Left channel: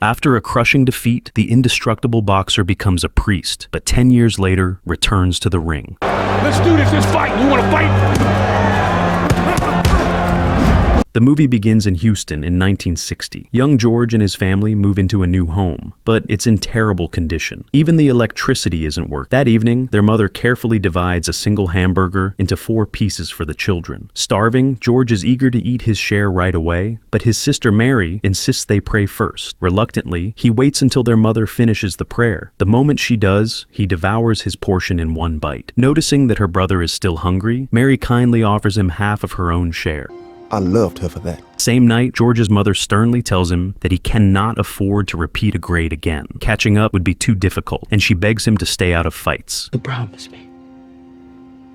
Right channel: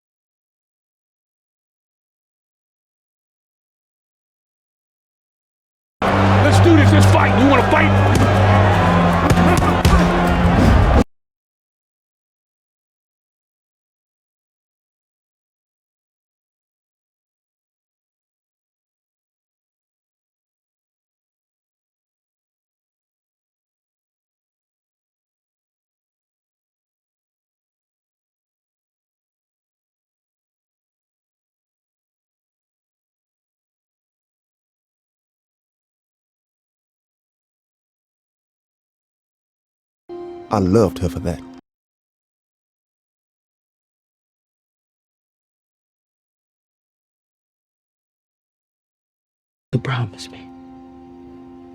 After a crushing defeat, the indestructible boxer becomes a priest, but 10 years later returns to the ring. Let's do this, let's fight. You want to fight? The movie begins in Houston in 1960. Young George and his family move into a new home, but it's in terrible condition. Even the electricity isn't working. That evening, their mother carefully divides a single hamburger into 4 pieces for the children. Starving, George is eager to eat his share right away, but his sister Mary insists they pray first. Reluctantly, he waits until their mother finishes the prayer. The moment she does, he devours his portion in one bite. Noticing that her brother is still hungry, Mary kindly offers him half of her own share. I loved her for that. Same night, George's mother sternly tells him that he cannot afford to repeat a grade again. Catching up would be too difficult, and she begs him to stay out of fights. So promise me,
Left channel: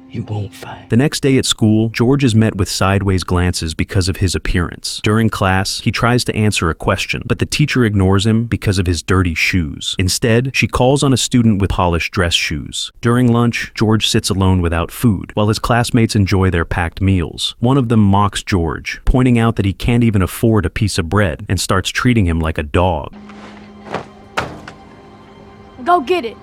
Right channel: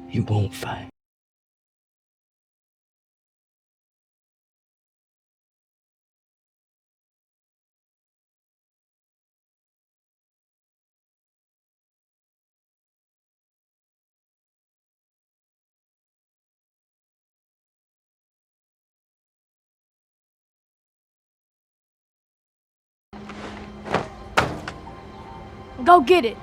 you won't fight. The next day at school, George is met with sideways glances because of his appearance. During class, he tries to answer a question, but the teacher ignores him because of his dirty shoes. Instead, she calls on a student with polished dress shoes. During lunch, George sits alone without food, while his classmates enjoy their packed meals. One of them mocks George, pointing out that he can't even afford a piece of bread, and starts treating him like a dog. Go get it.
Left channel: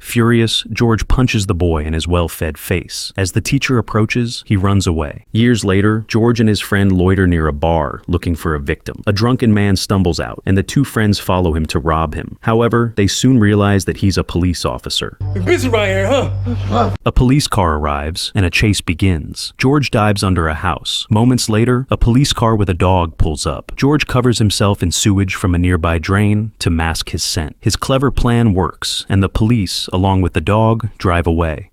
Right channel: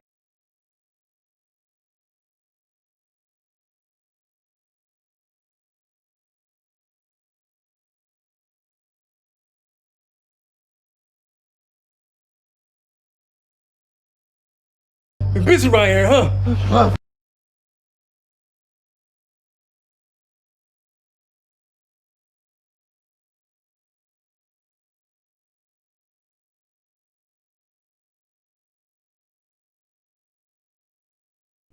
Furious, George punches the boy in his well-fed face. As the teacher approaches, he runs away. Years later, George and his friend loiter near a bar, looking for a victim. A drunken man stumbles out, and the two friends follow him to rob him. However, they soon realize that he's a police officer. You're busy right here, huh? A police car arrives, and a chase begins. George dives under a house. Moments later, a police car with a dog pulls up. George covers himself in sewage from a nearby drain to mask his scent. His clever plan works, and the police, along with the dog, drive away.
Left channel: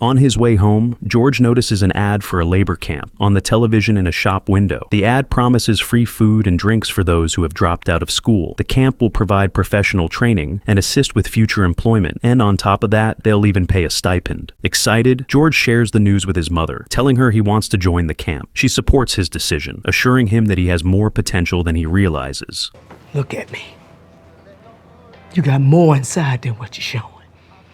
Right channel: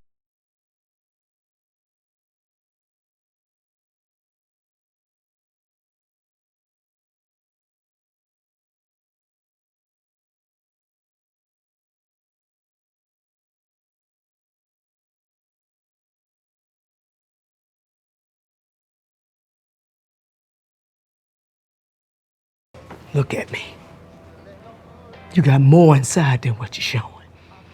On his way home, George notices an ad for a labor camp on the television in a shop window. The ad promises free food and drinks for those who have dropped out of school. The camp will provide professional training and assist with future employment, and on top of that, they'll even pay a stipend. Excited, George shares the news with his mother, telling her he wants to join the camp. She supports his decision, assuring him that he has more potential than he realizes. Look at me. You got more inside than what you're showing.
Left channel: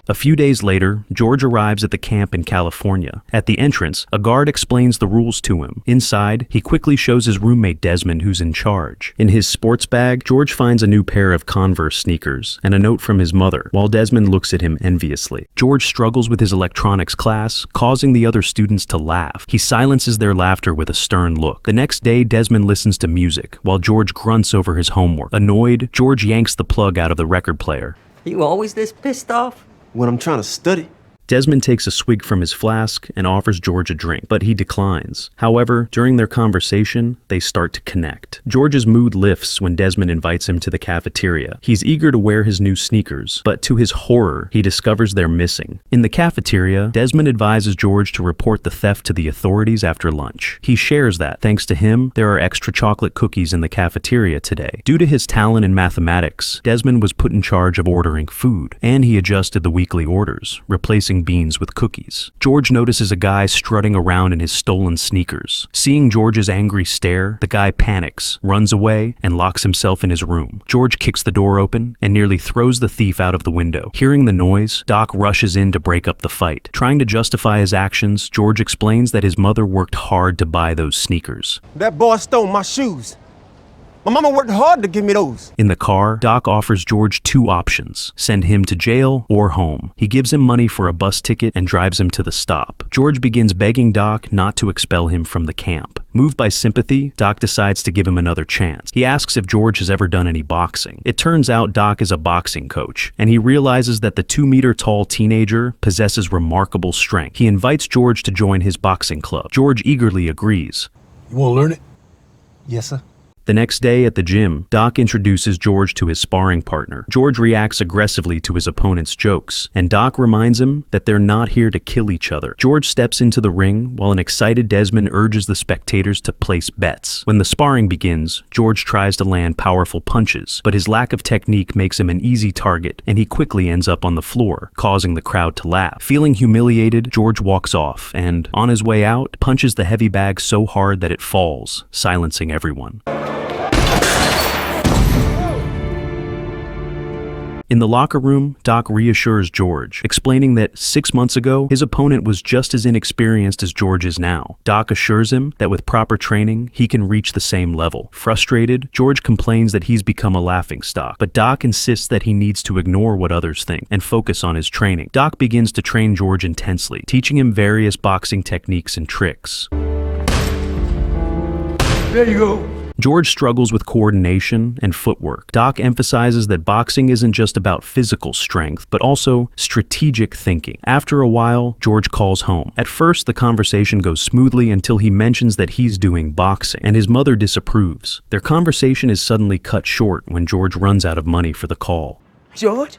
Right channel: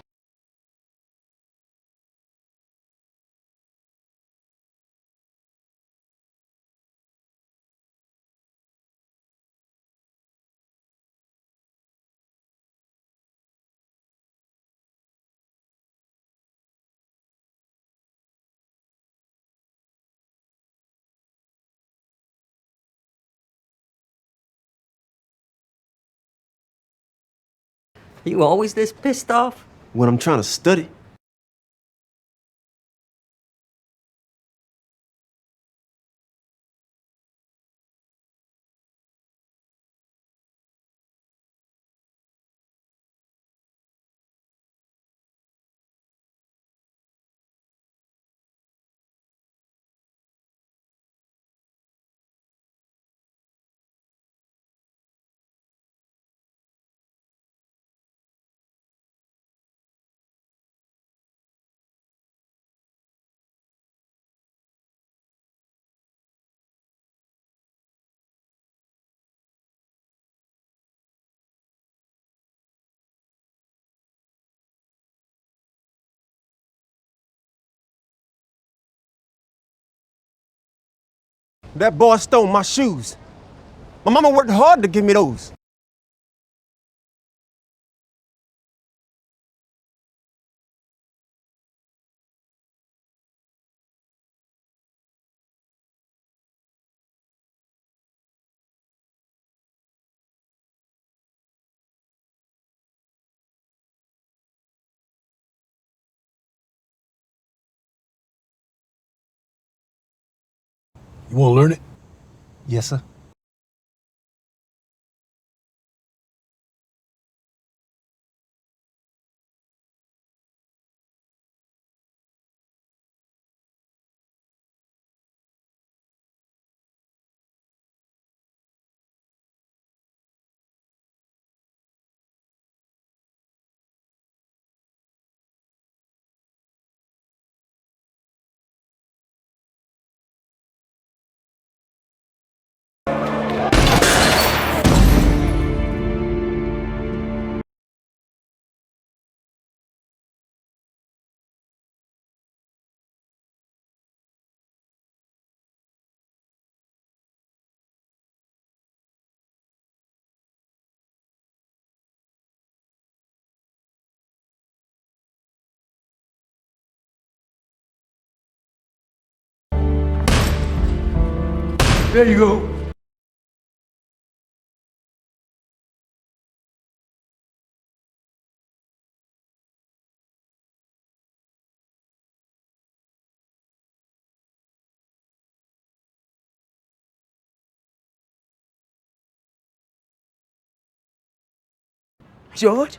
A few days later, George arrives at the camp in California. At the entrance, a guard explains the rules to him. Inside, he quickly shows his roommate Desmond who's in charge. In his sports bag, George finds a new pair of Converse sneakers and a note from his mother, while Desmond looks at him enviously. George struggles with his electronics class, causing the other students to laugh. He silences their laughter with a stern look. The next day, Desmond listens to music, while George grunts over his homework. Annoyed, George yanks the plug out of the record player. You always this pissed off? When I'm trying to study. Desmond takes a swig from his flask and offers George a drink, but he declines. However, during their conversation, they start to connect. George's mood lifts when Desmond invites him to the cafeteria. He's eager to wear his new sneakers, but to his horror, he discovers they're missing. In the cafeteria, Desmond advises George to report the theft to the authorities after lunch. He shares that, thanks to him, there are extra chocolate cookies in the cafeteria today. Due to his talent in mathematics, Desmond was put in charge of ordering food, and he adjusted the weekly orders, replacing beans with cookies. George notices a guy strutting around in his stolen sneakers. Seeing George's angry stare, the guy panics, runs away, and locks himself in his room. George kicks the door open and nearly throws the thief out of the window. Hearing the noise, Doc rushes in to break up the fight. Trying to justify his actions, George explains that his mother worked hard to buy those sneakers. That boy stole my shoes. My mama worked hard to give me those. In the car, Doc offers George 2 options: send him to jail or home. He gives him money for a bus ticket and drives him to the stop. George begins begging Doc not to expel him from the camp. Moved by sympathy, Doc decides to give him another chance. He asks if George has ever done any boxing. It turns out Doc is a boxing coach, and he realizes that the 2-meter-tall teenager possesses remarkable strength. He invites George to join his boxing club. George eagerly agrees. You want to learn it? Yes, sir. The next day at the gym, Doc introduces George to his sparring partner. George reacts aggressively to his opponent's jokes, and Doc reminds him that they're not here to kill each other. George steps into the ring while an excited Desmond urges the spectators to place bets. When the sparring begins, George tries to land powerful punches, but his lack of technique makes him an easy target, and he quickly ends up on the floor, causing the crowd to laugh. Feeling humiliated, George walks off, and on his way out, punches the heavy bag so hard that it falls, silencing everyone. In the locker room, Doc reassures George, explaining that 6 months ago, his opponent was just as inexperienced as George is now. Doc assures him that with proper training, he can reach the same level. Frustrated, George complains that he's become a laughingstock, but Doc insists that he needs to ignore what others think and focus on his training. Doc begins to train George intensely, teaching him various boxing techniques and tricks. There you go. George struggles with coordination and footwork. Doc emphasizes that boxing isn't just about physical strength, but also strategic thinking. After a while, George calls home. At first, the conversation goes smoothly until he mentions that he's doing boxing, and his mother disapproves. Their conversation is suddenly cut short when George runs out of money for the call. George?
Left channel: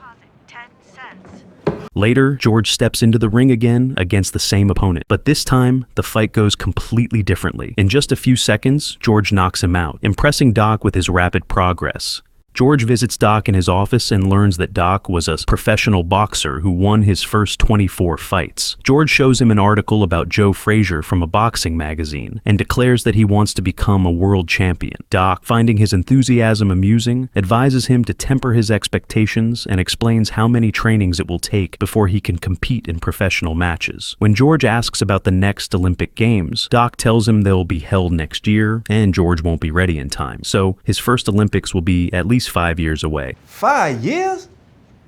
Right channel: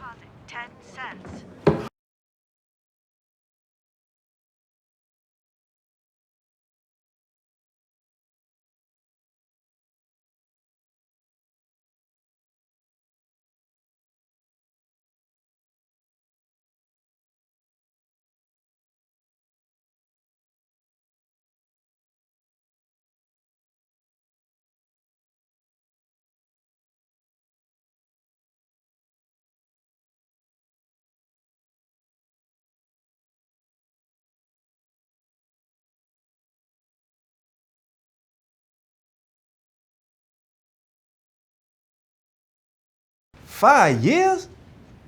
Later, George steps into the ring again against the same opponent, but this time, the fight goes completely differently. In just a few seconds, George knocks him out, impressing Doc with his rapid progress. George visits Doc in his office and learns that Doc was a professional boxer who won his first 24 fights. George shows him an article about Joe Frazier from a boxing magazine and declares that he wants to become a world champion. Doc, finding his enthusiasm amusing, advises him to temper his expectations and explains how many trainings it will take before he can compete in professional matches. When George asks about the next Olympic Games, Doc tells him they'll be held next year and George won't be ready in time. So his first Olympics will be at least 5 years away. 5 years?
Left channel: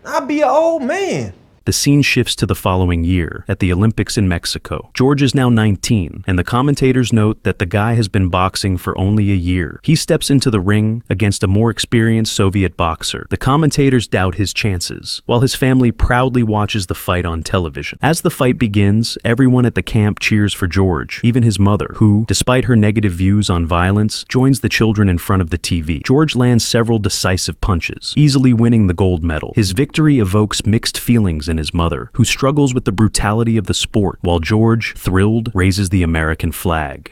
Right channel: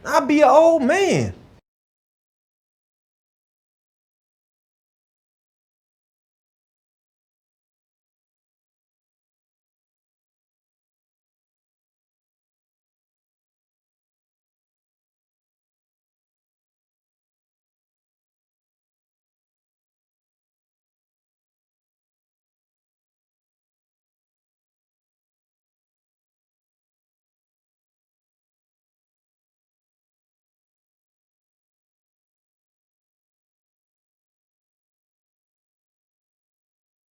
I'll be an old man. The scene shifts to the following year, at the Olympics in Mexico. George is now 19, and the commentators note that the guy has been boxing for only a year. He steps into the ring against a more experienced Soviet boxer. The commentators doubt his chances, while his family proudly watches the fight on television. As the fight begins, everyone at the camp cheers for George, even his mother, who, despite her negative views on violence, joins the children in front of the TV. George lands several decisive punches, easily winning the gold medal. His victory evokes mixed feelings in his mother, who struggles with the brutality of the sport, while George, thrilled, raises the American flag.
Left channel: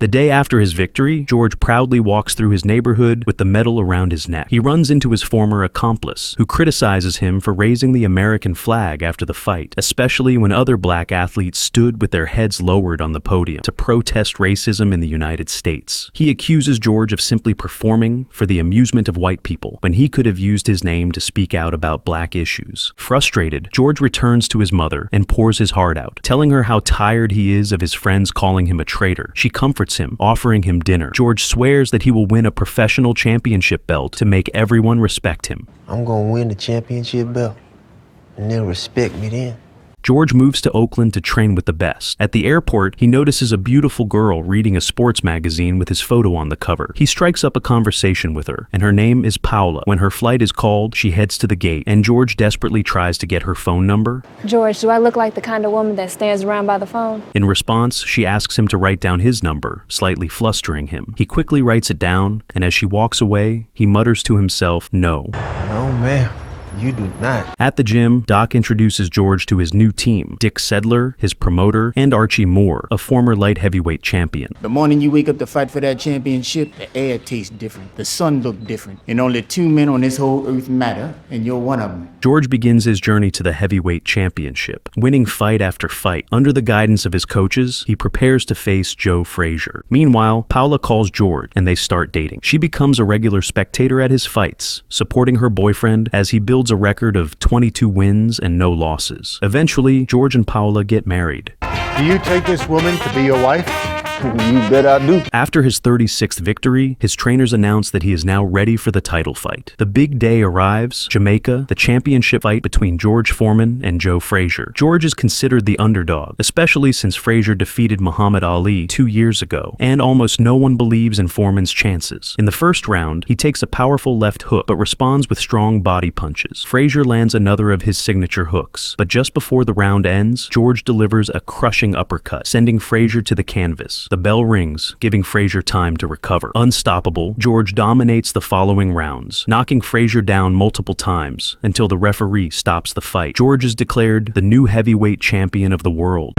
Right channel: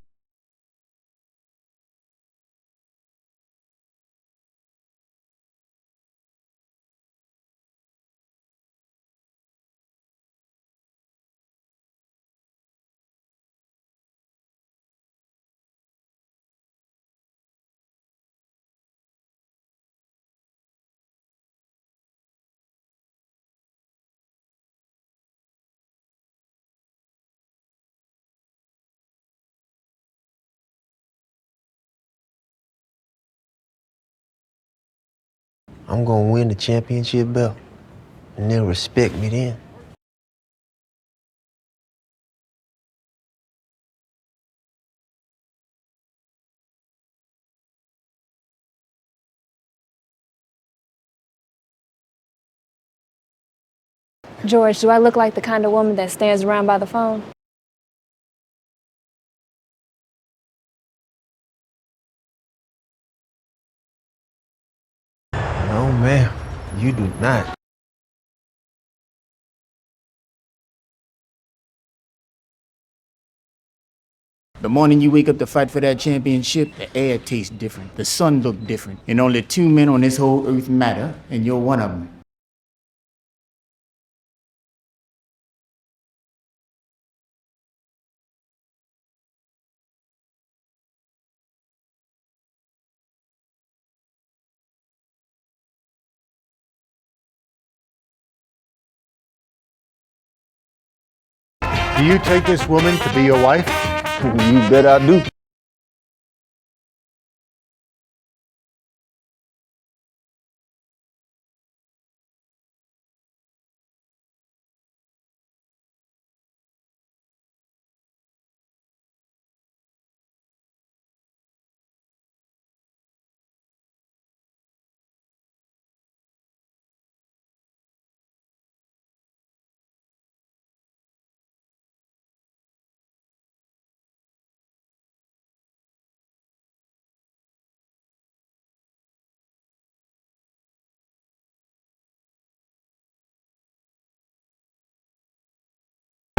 The day after his victory, George proudly walks through his neighborhood with the medal around his neck. He runs into his former accomplice, who criticizes him for raising the American flag after the fight, especially when other black athletes stood with their heads lowered on the podium to protest racism in the United States. He accuses George of simply performing for the amusement of white people, when he could have used his name to speak out about black issues. Frustrated, George returns to his mother and pours his heart out, telling her how tired he is of his friends calling him a traitor. She comforts him, offering him dinner. George swears that he will win a professional championship belt to make everyone respect him. I'm gonna win the championship belt, and they'll respect me then. George moves to Oakland to train with the best. At the airport, he notices a beautiful girl reading a sports magazine with his photo on the cover. He strikes up a conversation with her, and her name is Paula. When her flight is called, she heads to the gate, and George desperately tries to get her phone number. George, do I look like the kind of woman that stands around by the phone? In response, she asks him to write down his number, slightly flustering him. He quickly writes it down, and as she walks away, he mutters to himself, "No." No, ma'am. You do not. At the gym, Doc introduces George to his new team, Dick Sedler, his promoter, and Archie Moore, a former light heavyweight champion. The morning you wake up to fight for that championship, the air tastes different, the sun look different, and only 2 men on this whole earth matter, and you're one of them. George begins his journey to the heavyweight championship, winning fight after fight. Under the guidance of his coaches, he prepares to face Joe Frazier. Meanwhile, Paula calls George, and they start dating. She becomes a regular spectator at his fights, supporting her boyfriend as he builds a record of 22 wins and no losses. Eventually, George and Paula get married. Do you take this woman to be your wife? You bet I do. After his 36th victory, his trainers announce that he is now ready for the title fight. The big day arrives, Jamaica, the championship fight between George Foreman and Joe Frazier. George is considered the underdog, especially since Frazier defeated Muhammad Ali 2 years ago, and almost no one believes in Foreman's chances. In the first round, he takes a powerful left hook, but responds with strong body punches. Frazier lands another of his signature hooks, but just before the round ends, George delivers a crushing uppercut, sending Frazier to the canvas. The bell rings, giving Frazier time to recover. Unstoppable, George dominates the following rounds, knocking Frazier down multiple times until the referee stops the fight. George is declared the new heavyweight champion of the world.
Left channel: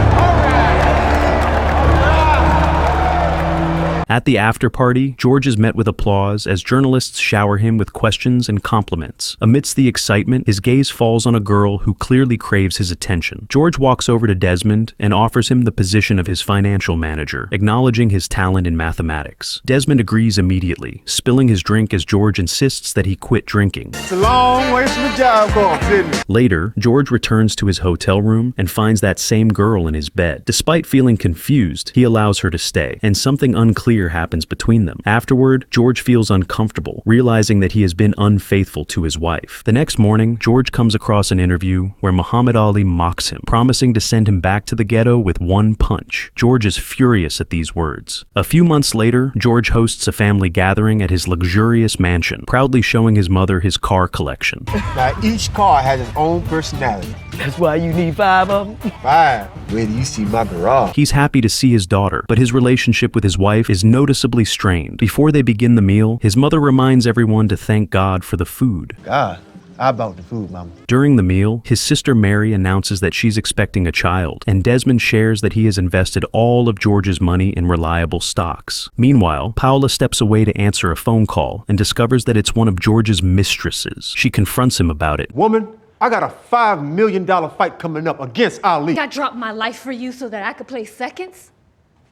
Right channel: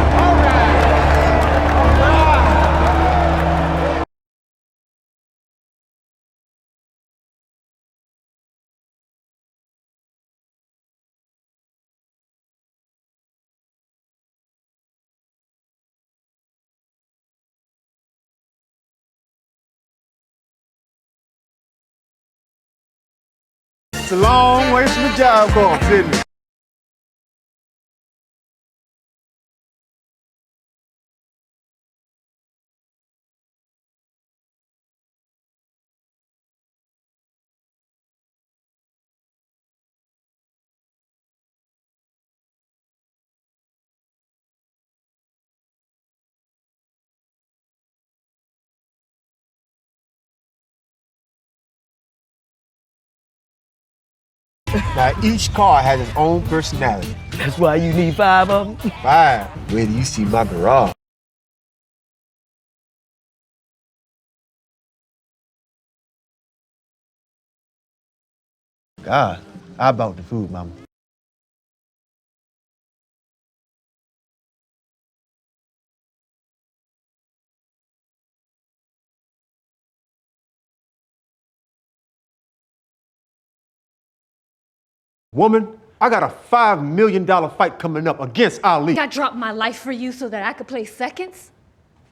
At the after party, George is met with applause as journalists shower him with questions and compliments. Amidst the excitement, his gaze falls on a girl who clearly craves his attention. George walks over to Desmond and offers him the position of his financial manager, acknowledging his talent in mathematics. Desmond agrees immediately, spilling his drink as George insists that he quit drinking. It's a long way from the job course, isn't it? Later, George returns to his hotel room and finds that same girl in his bed. Despite feeling confused, he allows her to stay, and something unclear happens between them. Afterward, George feels uncomfortable, realizing that he has been unfaithful to his wife. The next morning, George comes across an interview where Muhammad Ali mocks him, promising to send him back to the ghetto with one punch. George is furious at these words. A few months later, George hosts a family gathering at his luxurious mansion, proudly showing his mother his car collection. Now, each car has its own personality. That's why you need 5 of them? 5. Where do you see my garage? He's happy to see his daughter, but his relationship with his wife is noticeably strained. Before they begin the meal, his mother reminds everyone to thank God for the food. God, I bought the food, Mama. During the meal, his sister Mary announces that she's expecting a child, and Desmond shares that he has invested all of George's money in reliable stocks. Meanwhile, Paula steps away to answer a phone call and discovers that it's one of George's mistresses. She confronts him about it. Woman, I got a $5 million fight coming up against Ali. I dropped my life for you so that I could play seconds?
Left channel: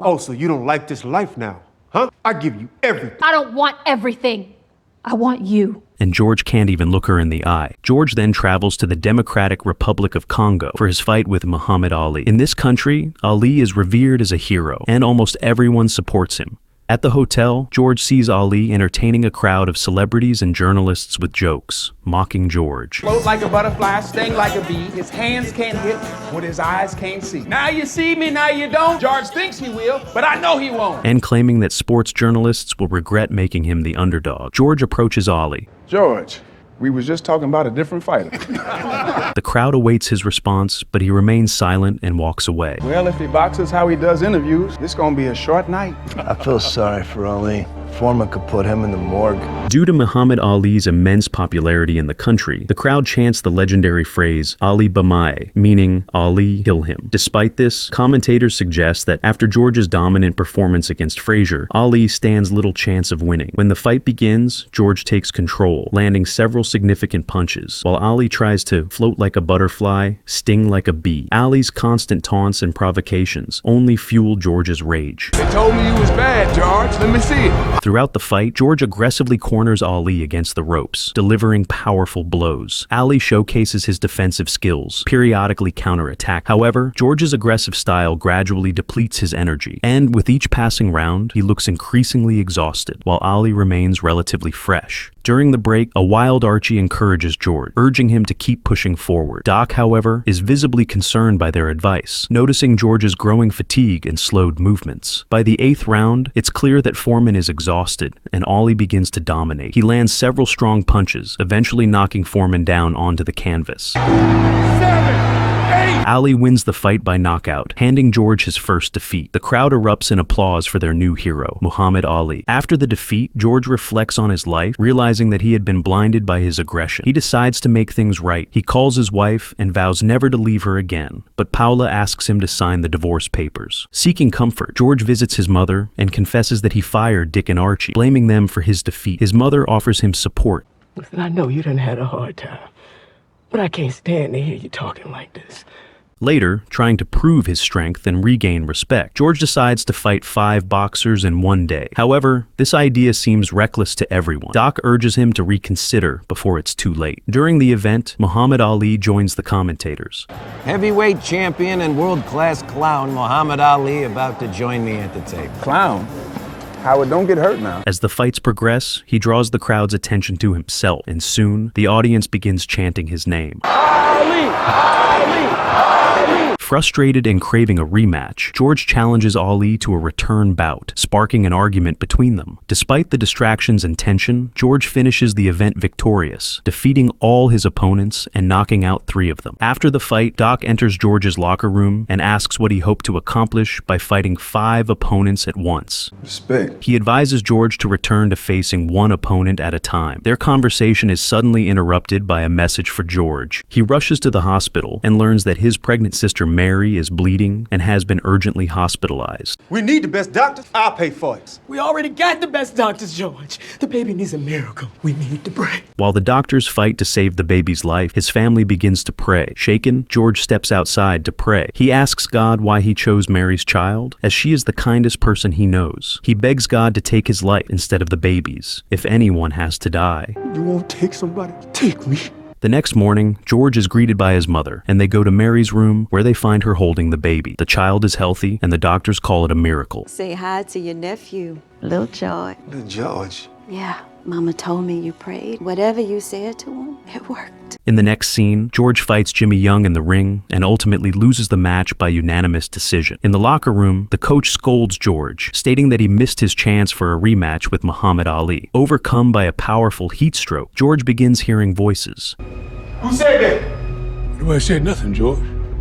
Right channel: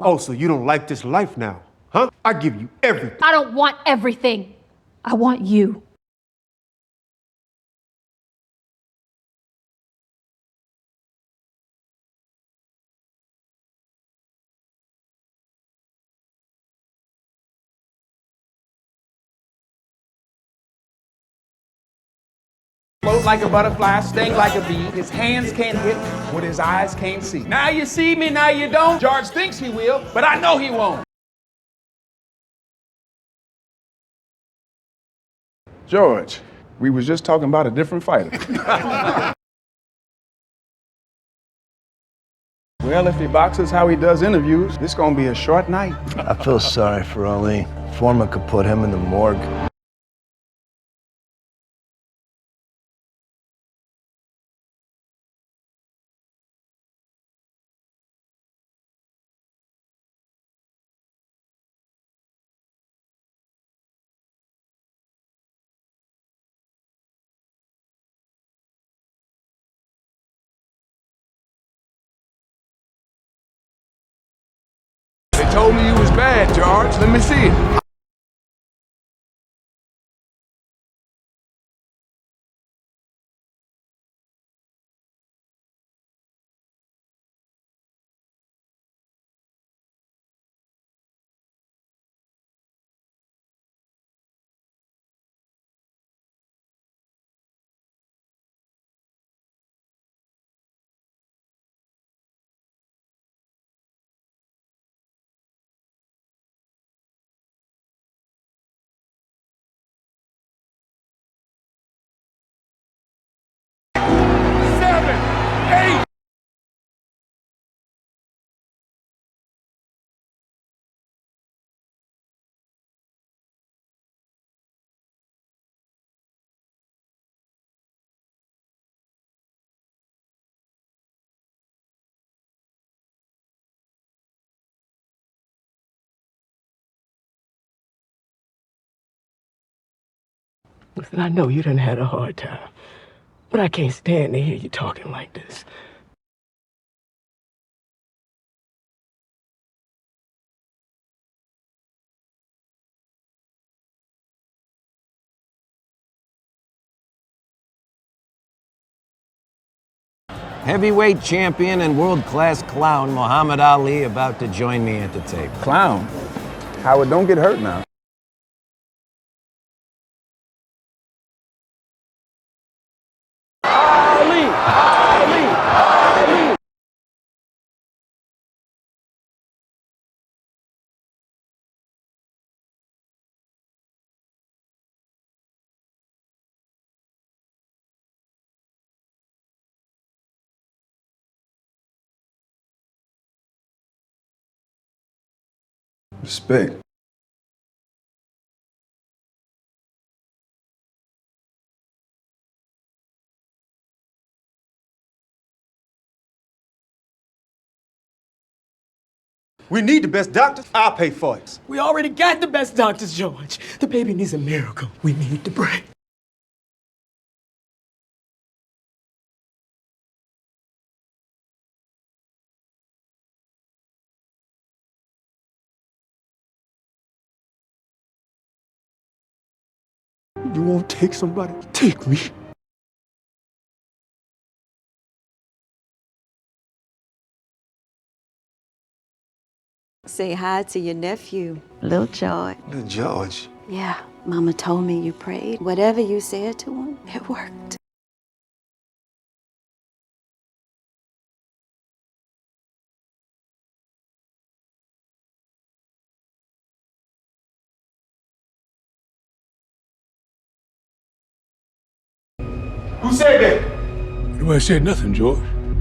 Oh, so you don't like this life now, huh? I give you everything. I don't want everything. I want you. And George can't even look her in the eye. George then travels to the Democratic Republic of Congo for his fight with Muhammad Ali. In this country, Ali is revered as a hero, and almost everyone supports him. At the hotel, George sees Ali entertaining a crowd of celebrities and journalists with jokes, mocking George. Float like a butterfly, sting like a bee. His hands can't hit what his eyes can't see. Now you see me, now you don't. George thinks he will, but I know he won't. And claiming that sports journalists will regret making him the underdog. George approaches Ali. George, we was just talking about a different fighter. The crowd awaits his response, but he remains silent and walks away. Well, if he boxes how he does interviews, this gonna be a short night. I feel sorry for Ali. Foreman could put him in the morgue. Due to Muhammad Ali's immense popularity in the country, the crowd chants the legendary phrase Ali Bamaye, meaning Ali kill him. Despite this, commentators suggest that after George's dominant performance against Frazier, Ali stands little chance of winning. When the fight begins, George takes control, landing several significant punches, while Ali tries to float like a butterfly, sting like a bee. Ali's constant taunts and provocations only fuel George's rage. They told me you was bad, George. Let me see it. Throughout the fight, George aggressively corners Ali against the ropes, delivering powerful blows. Ali showcases his defensive skills, periodically counterattack. However, George's aggressive style gradually depletes his energy, and with each passing round, he looks increasingly exhausted, while Ali remains relatively fresh. During the break, a wild Archie encourages George, urging him to keep pushing forward. Doc, however, is visibly concerned by their advice, noticing George's growing fatigue and slowed movements. By the 8th round, it's clear that Foreman is exhausted, and Ali begins to dominate. He lands several strong punches, eventually knocking Foreman down onto the canvas. 7, 8. Ali wins the fight by knockout, handing George his first defeat. The crowd erupts in applause for their new hero, Muhammad Ali. After the defeat, George reflects on his life, realizing that he had been blinded by his aggression. He decides to make things right. He calls his wife and vows never to leave her again, but Paula asks him to sign the divorce papers. Seeking comfort, George visits his mother and confesses that he fired Dick and Archie, blaming them for his defeat. His mother offers him support. Listen, I know you done had a hard time, but I can't stand to hear you talking like this. Later, trying to prove his strength and regain respect, George decides to fight 5 boxers in one day. However, this idea seems reckless to everyone. Doc urges him to reconsider before it's too late. During the event, Muhammad Ali joins the commentators. Heavyweight champion and world-class clown Muhammad Ali about to join me at the table. Clown? Howard, don't get hurt now. As the fights progress, he draws the crowd's attention to himself, and soon, the audience begins chanting his name. Ali! Ali! Ali! Frustrated and craving a rematch, George challenges Ali to a return bout, sparking an argument between them. Despite the distractions and tension, George finishes the event victorious, defeating all his opponents and knocking out 3 of them. After the fight, Doc enters George's locker room and asks what he hoped to accomplish by fighting 5 opponents at once. Respect. He advises George to return to facing 1 opponent at a time. Their conversation is suddenly interrupted by a message for George. He rushes to the hospital and learns that his pregnant sister Mary is bleeding and has been urgently hospitalized. We need the best doctors. I'll pay for it. We already got the best doctors, George. The baby needs a miracle. We need to pray. While the doctors fight to save the baby's life, his family begins to pray. Shaken, George steps outside to pray. He asks God why he chose Mary's child, as she is the kindest person he knows. He begs God to take his life instead of the baby's, if anyone has to die. You won't take somebody? Take me. The next morning, George is greeted by his mother, and they go to Mary's room where they find her holding the baby. The child is healthy, and the doctors call it a miracle. Say hi to your nephew, Lil George. Little George. Yeah, Mama told me you prayed. Whatever you said to him, it worked. In the next scene, George fights Jimmy Young in the ring and ultimately loses the match by unanimous decision. In the locker room, the coach scolds George, stating that he missed his chance for a rematch with Muhammad Ali. Overcome by a powerful heat stroke, George begins hearing voices. Who said that? Nobody said nothing, George.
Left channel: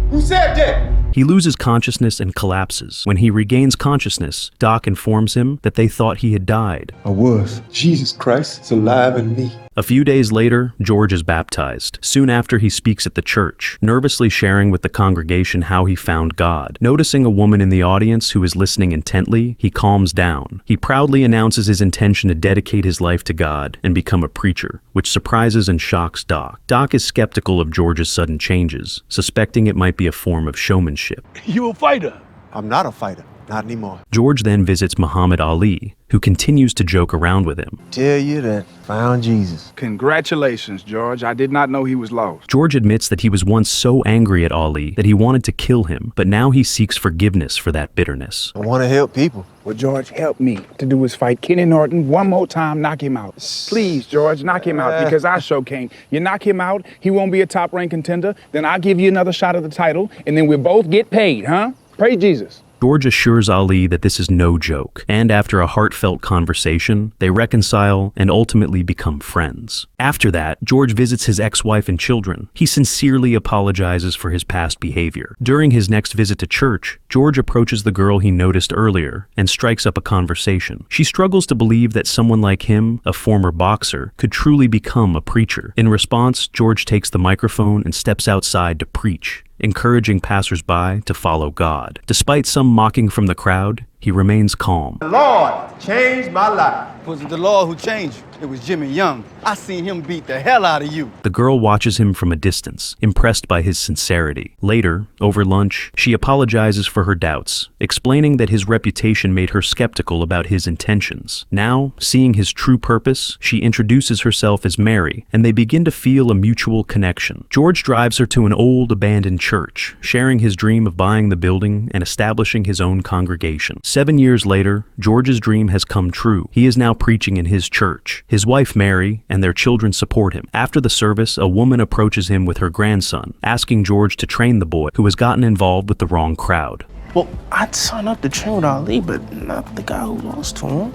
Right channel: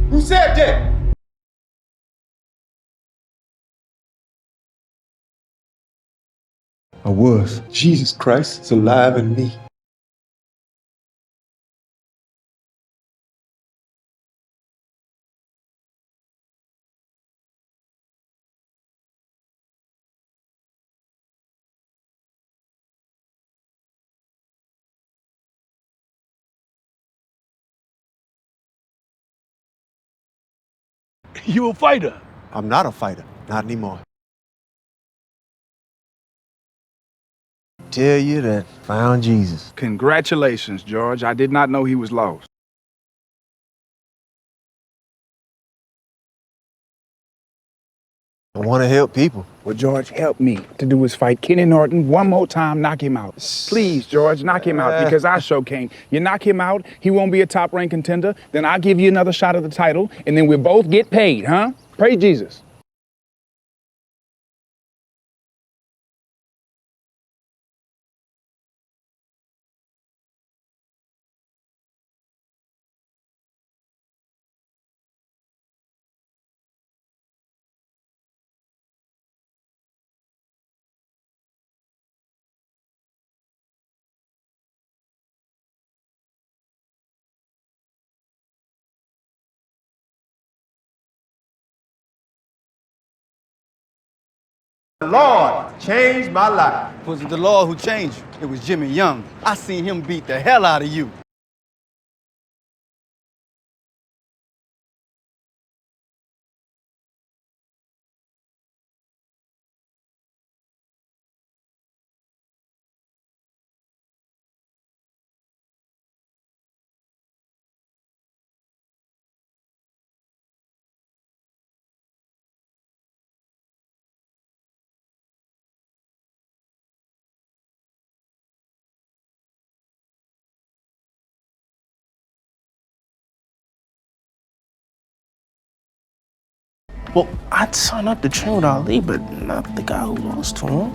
Who said that? He loses consciousness and collapses. When he regains consciousness, Doc informs him that they thought he had died. I was. Jesus Christ is alive in me. A few days later, George is baptized. Soon after, he speaks at the church, nervously sharing with the congregation how he found God. Noticing a woman in the audience who is listening intently, he calms down. He proudly announces his intention to dedicate his life to God and become a preacher, which surprises and shocks Doc. Doc is skeptical of George's sudden changes, suspecting it might be a form of showmanship. You a fighter? I'm not a fighter. Not anymore. George then visits Muhammad Ali, who continues to joke around with him. Tell you that found Jesus. Congratulations, George. I did not know he was lost. George admits that he was once so angry at Ali that he wanted to kill him, but now he seeks forgiveness for that bitterness. I want to help people. Well, George, help me to do is fight Kenny Norton one more time, knock him out. Please, George, knock him out, because I sure can't. You knock him out, he won't be a top-ranked contender, then I'll give you another shot at the title, and then we'll both get paid, huh? Praise Jesus. George assures Ali that this is no joke, and after a heartfelt conversation, they reconcile and ultimately become friends. After that, George visits his ex-wife and children. He sincerely apologizes for his past behavior. During his next visit to church, George approaches the girl he noticed earlier and strikes up a conversation. She struggles to believe that someone like him, a former boxer, could truly become a preacher. In response, George takes the microphone and steps outside to preach, encouraging passersby to follow God. Despite some mocking from the crowd, he remains calm. The Lord changed my life. Was it the Lord who changed you? It was Jimmy Young. I seen him beat the hell out of you. The girl watches him from a distance, impressed by his sincerity. Later, over lunch, she apologizes for her doubts, explaining that his reputation made her skeptical about his intentions. Now, seeing his true purpose, she introduces herself as Mary, and they begin to feel a mutual connection. George drives her to an old, abandoned church, sharing his dream of buying the building and establishing his own congregation. 7 years later, George's dream has come true. He is now preaching in his church. His wife, Mary, and their children support him. After the service, a woman approaches him with her grandson, asking George to train the boy, who has gotten involved with the wrong crowd. Well, I'd sign up to train with Ali, but not the guy who lost to him.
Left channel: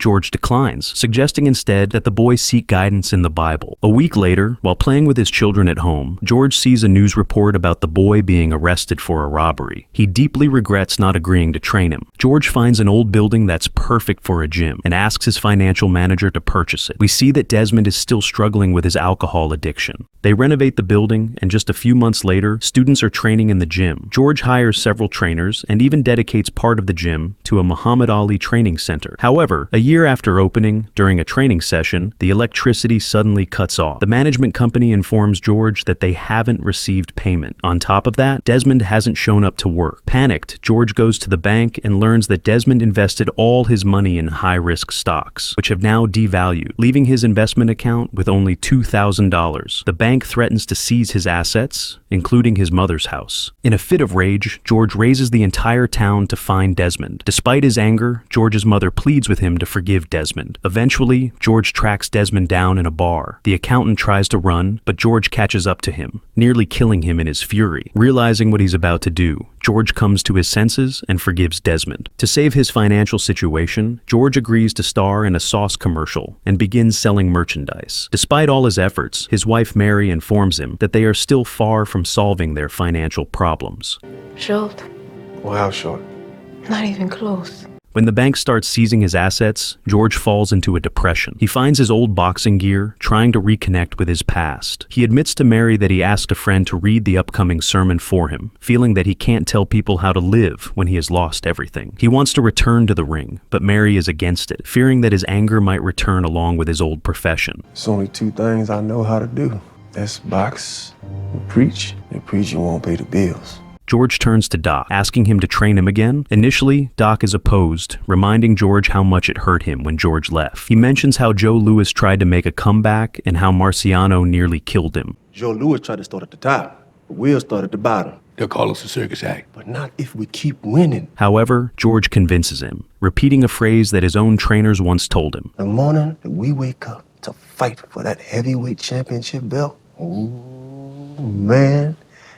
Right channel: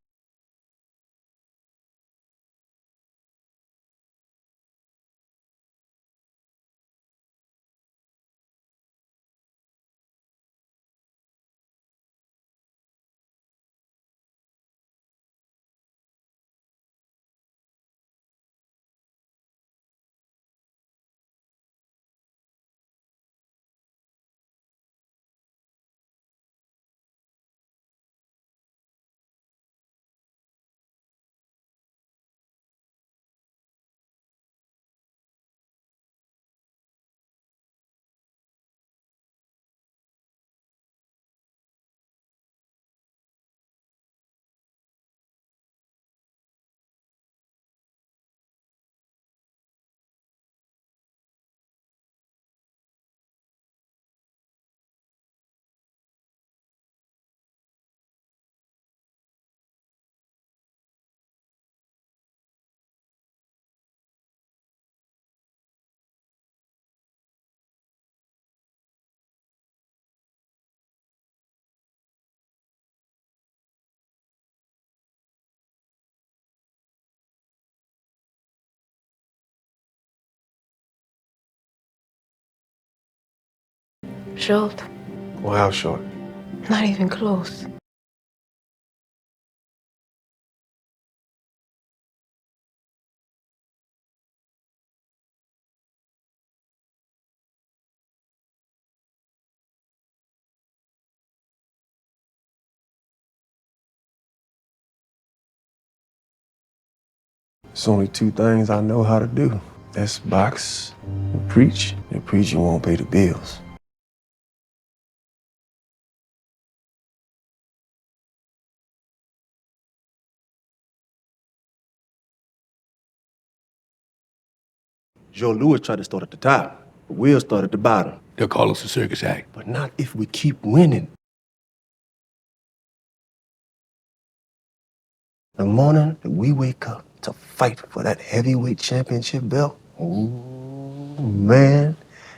George declines, suggesting instead that the boy seek guidance in the Bible. A week later, while playing with his children at home, George sees a news report about the boy being arrested for a robbery. He deeply regrets not agreeing to train him. George finds an old building that's perfect for a gym and asks his financial manager to purchase it. We see that Desmond is still struggling with his alcohol addiction. They renovate the building, and just a few months later, students are training in the gym. George hires several trainers and even dedicates part of the gym to a Muhammad Ali training center. However, a year after opening, during a training session, the electricity suddenly cuts off. The management company informs George that they haven't received payment. On top of that, Desmond hasn't shown up to work. Panicked, George goes to the bank and learns that Desmond invested all his money in high-risk stocks, which have now devalued, leaving his investment account with only $2,000. The bank threatens to seize his assets, including his mother's house. In a fit of rage, George raises the entire town to find Desmond. Despite his anger, George's mother pleads with him to forgive Desmond. Eventually, George tracks Desmond down in a bar. The accountant tries to run, but George catches up to him, nearly killing him in his fury. Realizing what he's about to do, George comes to his senses and forgives Desmond. To save his financial situation, George agrees to star in a sauce commercial and begins selling merchandise. Despite all his efforts, his wife Mary informs him that they are still far from solving their financial problems. Short. Well, how short? Not even close. When the bank starts seizing his assets, George falls into a depression. He finds his old boxing gear, trying to reconnect with his past. He admits to Mary that he asked a friend to read the upcoming sermon for him, feeling that he can't tell people how to live when he has lost everything. He wants to return to the ring, but Mary is against it, fearing that his anger might return along with his old profession. There's only two things I know how to do. That's box and preach. And preaching won't pay the bills. George turns to Doc, asking him to train him again. Initially, Doc is opposed, reminding George how much it hurt him when George left. He mentions how Joe Louis tried to make a comeback and how Marciano nearly killed him. Joe Louis tried to start at the top, but we'll start at the bottom. They'll call us a circus act. But not if we keep winning. However, George convinces him, repeating a phrase that his own trainers once told him. The morning that we wake up to fight for that heavyweight championship belt, oh man,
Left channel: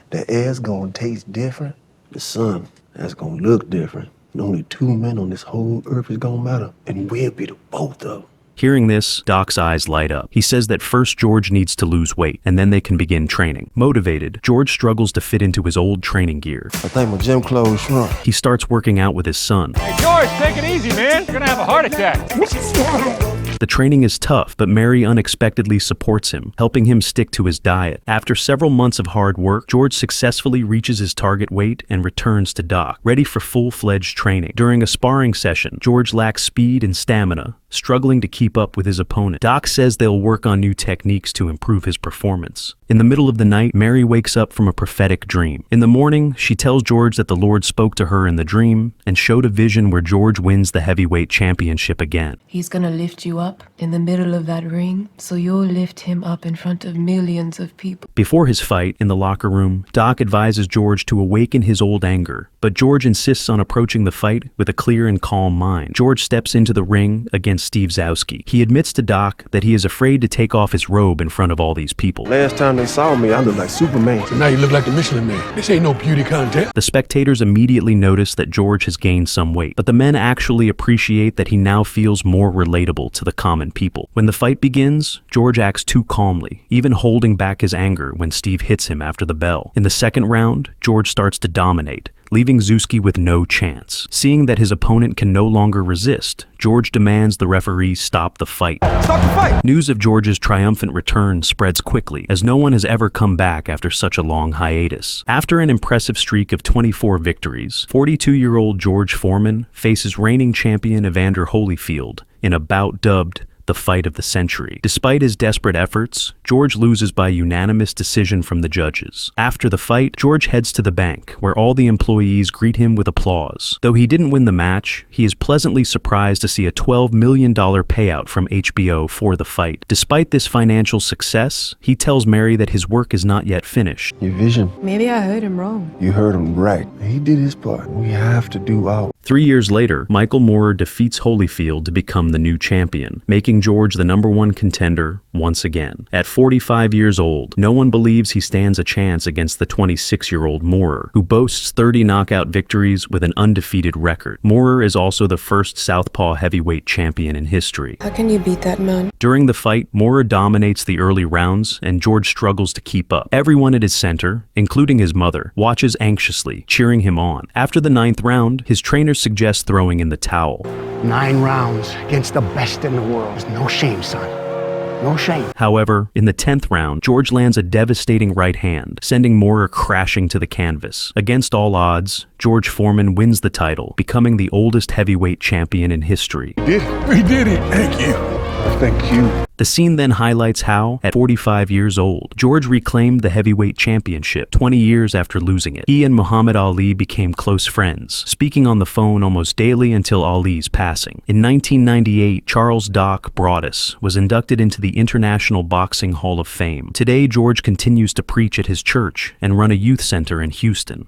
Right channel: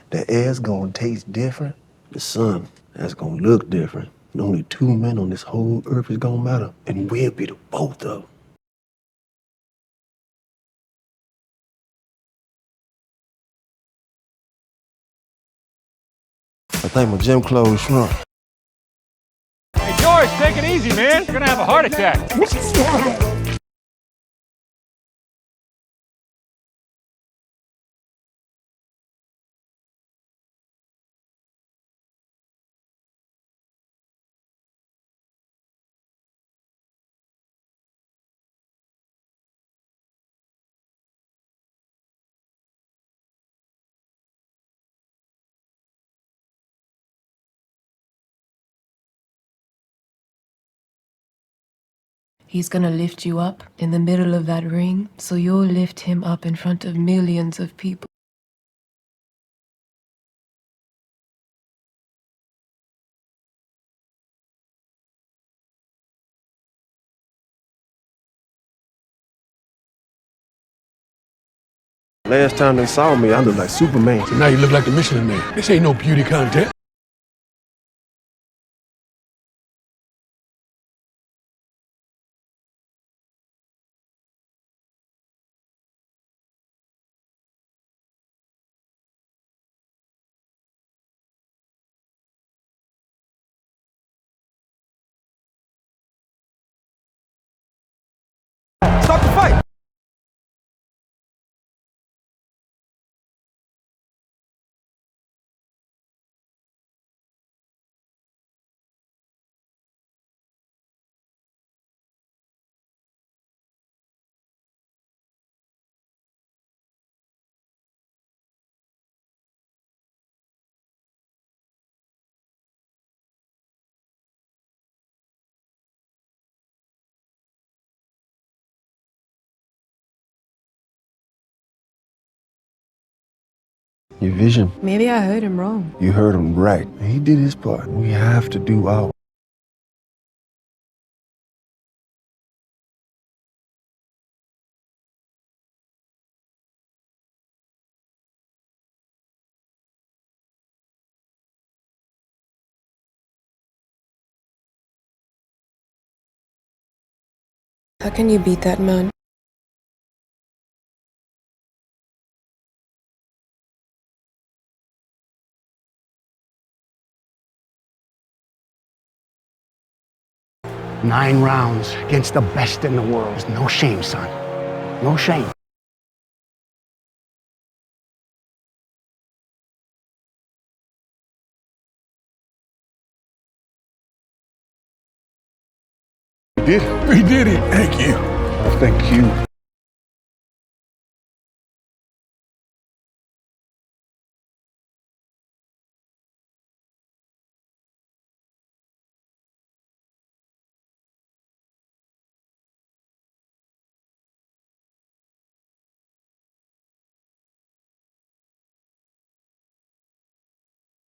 the air's gonna taste different. The sun, that's gonna look different. And only two men on this whole earth is gonna matter. And we'll be the both of them. Hearing this, Doc's eyes light up. He says that first George needs to lose weight, and then they can begin training. Motivated, George struggles to fit into his old training gear. I think my gym clothes shrunk. He starts working out with his son. Hey, George, take it easy, man. You're gonna have a heart attack. The training is tough, but Mary unexpectedly supports him, helping him stick to his diet. After several months of hard work, George successfully reaches his target weight and returns to Doc, ready for full-fledged training. During a sparring session, George lacks speed and stamina, struggling to keep up with his opponent. Doc says they'll work on new techniques to improve his performance. In the middle of the night, Mary wakes up from a prophetic dream. In the morning, she tells George that the Lord spoke to her in the dream and showed a vision where George wins the heavyweight championship again. He's gonna lift you up in the middle of that ring, so you'll lift him up in front of millions of people. Before his fight, in the locker room, Doc advises George to awaken his old anger, but George insists on approaching the fight with a clear and calm mind. George steps into the ring against Steve Zowski. He admits to Doc that he is afraid to take off his robe in front of all these people. Last time they saw me, I looked like Superman. So now you look like the Michelin Man. This ain't no beauty contest. The spectators immediately notice that George has gained some weight, but the men actually appreciate that he now feels more relatable to the common people. When the fight begins, George acts too calmly, even holding back his anger when Steve hits him after the bell. In the second round, George starts to dominate, leaving Zowski with no chance. Seeing that his opponent can no longer resist, George demands the referee stop the fight. Stop the fight! News of George's triumphant return spreads quickly, as no one has ever come back after such a long hiatus. After an impressive streak of 24 victories, 42-year-old George Foreman faces reigning champion Evander Holyfield in a bout dubbed the fight of the century. Despite his desperate efforts, George loses by unanimous decision from the judges. After the fight, George heads to the bank, where all the employees greet him with applause. Though he didn't win the match, he is pleasantly surprised to see a $12 million payout from HBO for the fight. Despite this financial success, he tells Mary that his work is not yet finished. Your vision. Maybe I heard him wrong. You heard him right. He did his part. We have to do ours. 3 years later, Michael Moorer defeats Holyfield to become the new champion, making George the #1 contender once again. At 45 years old, no one believes he stands a chance against the 26-year-old Moorer, who boasts 30 knockout victories with an undefeated record. Moorer is also the first southpaw heavyweight champion in history. How can you beat that man? During the fight, Moorer dominates the early rounds, and George struggles to keep up. Everyone at his center, including his mother, watches anxiously, cheering him on. After the 9th round, his trainer suggests throwing in the towel. 9 rounds against the best in the world. There's no shame, son. No shame. However, in the 10th round, George lands a devastating right hand, sending Moorer crashing to the canvas. Against all odds, George Foreman wins the title, becoming the oldest heavyweight champion in history. We did it. Thank you. Thank you. The scene then highlights how, at 45 years old, George reclaimed the heavyweight championship 20 years after losing it. He and Muhammad Ali became close friends, speaking on the phone almost daily until Ali's passing. In 1998, Charles Doc Broadus was inducted into the International Boxing Hall of Fame. Today, George continues to preach at his church and run a youth center in Houston.